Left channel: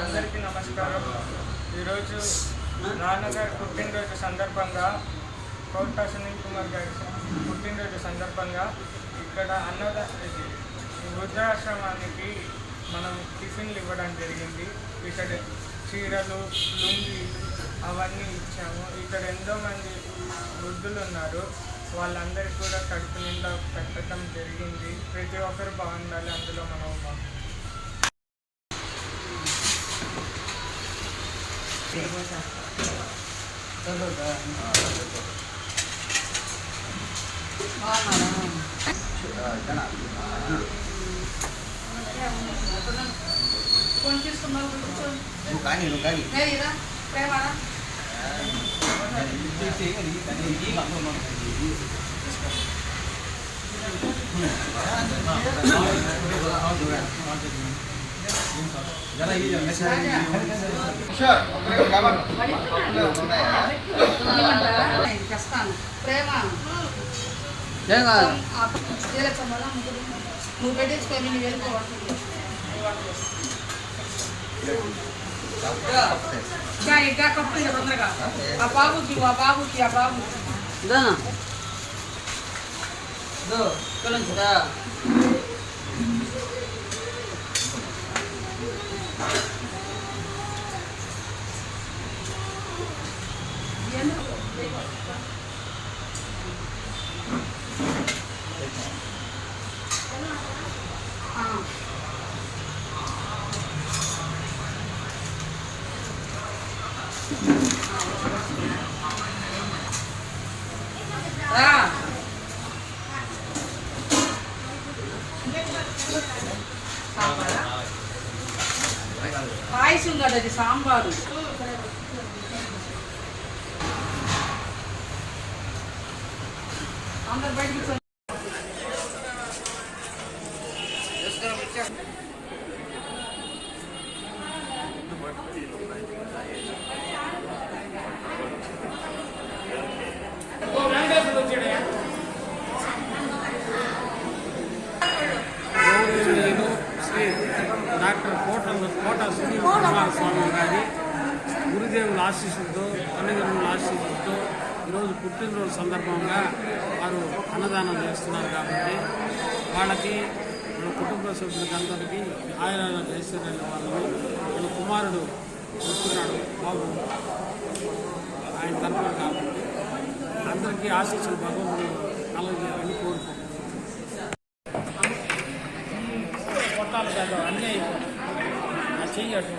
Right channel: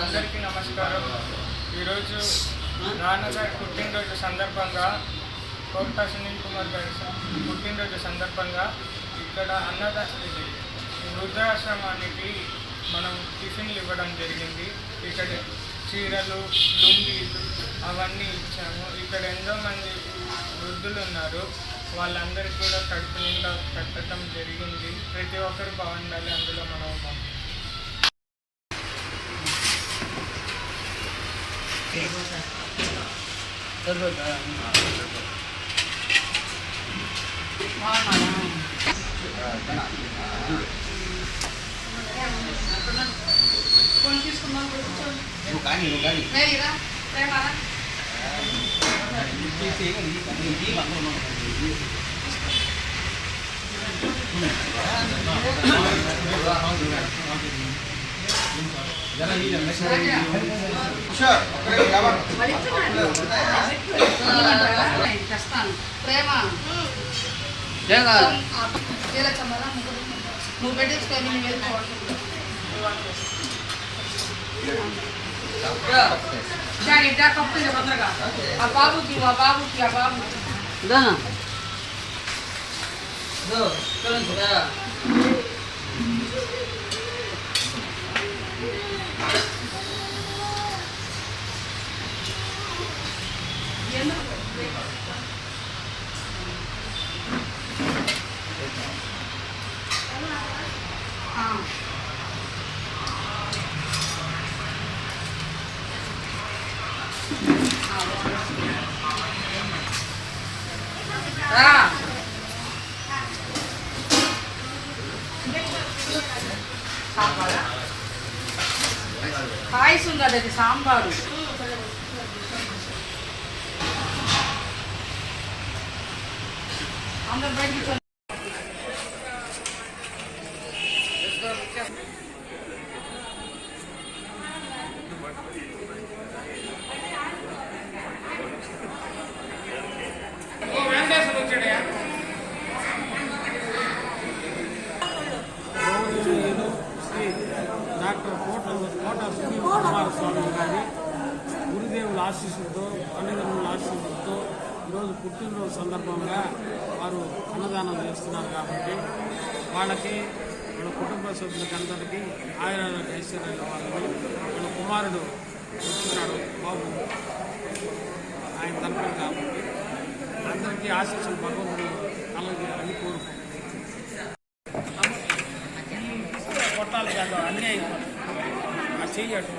అందరికీ నమస్కారం. ఈరోజు నాన్నగారి పుట్టినరోజు సందర్భంగా కోట సునీల్ కుమార్ గారి పుట్టినరోజు సందర్భంగా ఇక్కడ అన్నద వృద్ధాశ్రమానికి మనం టిఫిన్లు ఇవ్వడం జరిగింది. ఇక్కడ చీరలు లుంగీలు అవన్నీ ఇచ్చాము. ఇక్కడ ఎంతోమంది వృద్ధులు ఉన్నారు. వాళ్ళందరికీ కూడా కడుపు నిండా పెట్టడం జరిగింది. ప్రతి ఒక్కరు బాగుండాలి అందులో మనం. నువ్వు కానీ నువ్వు కానీ. ప్రేమ ఏం కాదు నువ్వు పెట్టించుకో నేను బాబుకి ఆ బాబుకి ఆ బాబు ఇదా ఇదో காய் சுண்டலுக்கு சாம்பார் அந்த ఆశీస్సులతో తల్లిదండ్రుల ఆశీస్సులతో ఈరోజు పుట్టినరోజు సందర్భంగా వారు అన్నదానం చేస్తున్నారు కాబట్టి వాళ్ళకి మన కుటుంబ సభ్యులకి అందరికీ ఆయన ఐశ్వర్యాల వాళ్ళని మన కుమారుడు వస్తున్నాడు బాబు. ఆయన తరపున కాబట్టి అందరికీ ఆశీస్సులు భగవంతుడు కలగజేయాలని కోరుకుంటున్నాను కొట్టాలి కాదు అన్నీ చెయ్యటం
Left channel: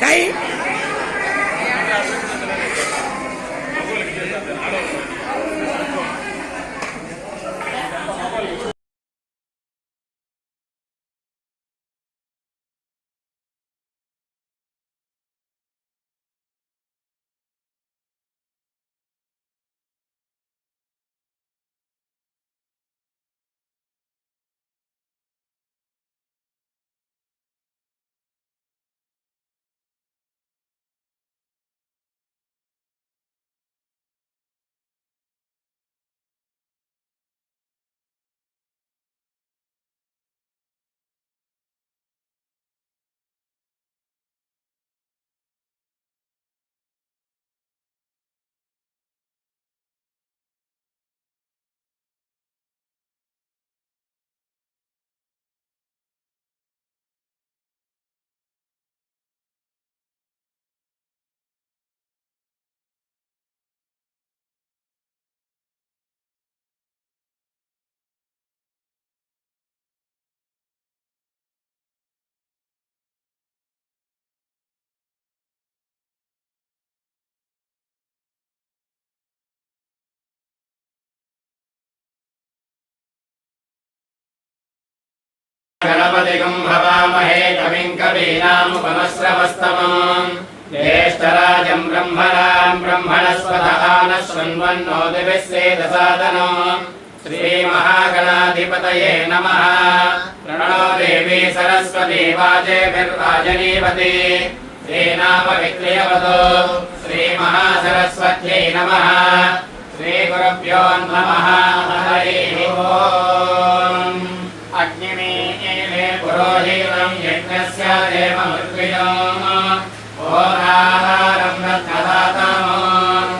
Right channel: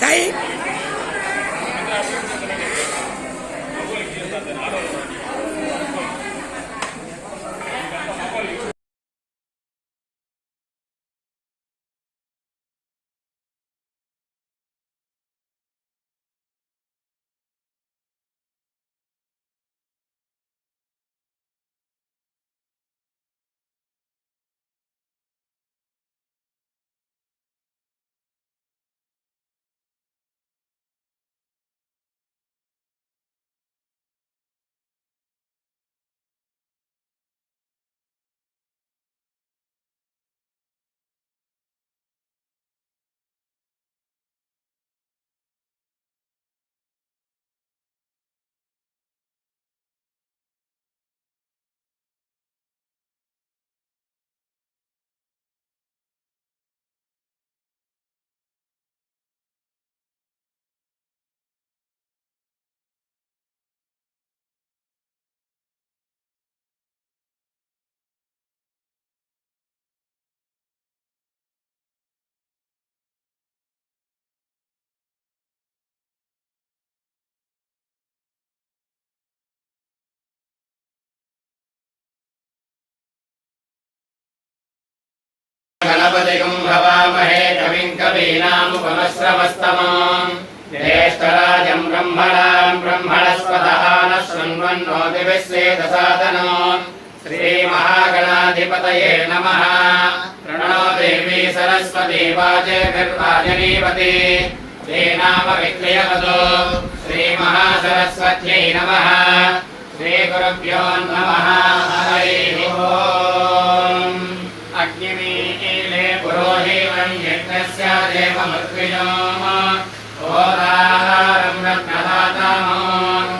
شيء गणपतिगं भवामहे कविं कवीनामुपमश्रवस्तमम् ज्येष्ठराजं ब्रह्मणान् ब्रह्मणस्पतः नः शृण्वन्नो दिविः सेदसादनो श्रीमहागणाधिपतये नमः प्रणो देवी सरस्वती वाजेभिर्वाजनीवती श्रीनामविक्लयवतो श्रीमहासरस्वत्यै नमः श्रीगुरुभ्यो नमः हरिः ओम् देवमृत्विजोः होराहारम् रत्नदाताम्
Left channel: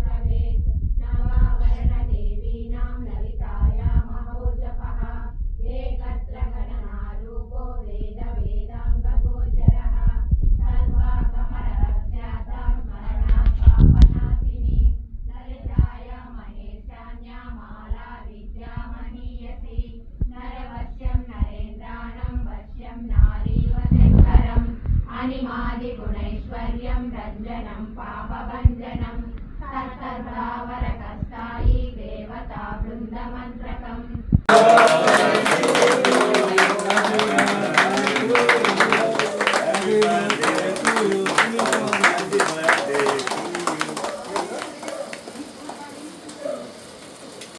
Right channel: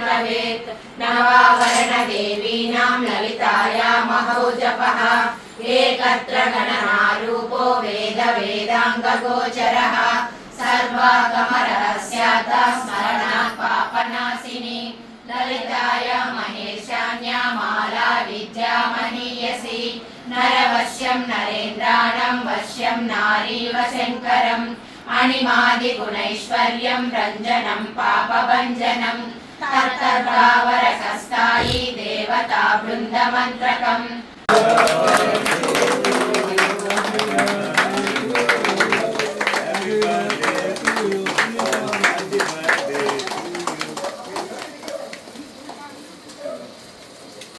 भवेत् नवावरणदेवीनाम् ललिताया महौ जपः మణిమాదిగుణైశ్వర్యం రంజనం పాపభంజనం తత్తర్భావరసస్థాయి దేవతా బృందమంత్రకం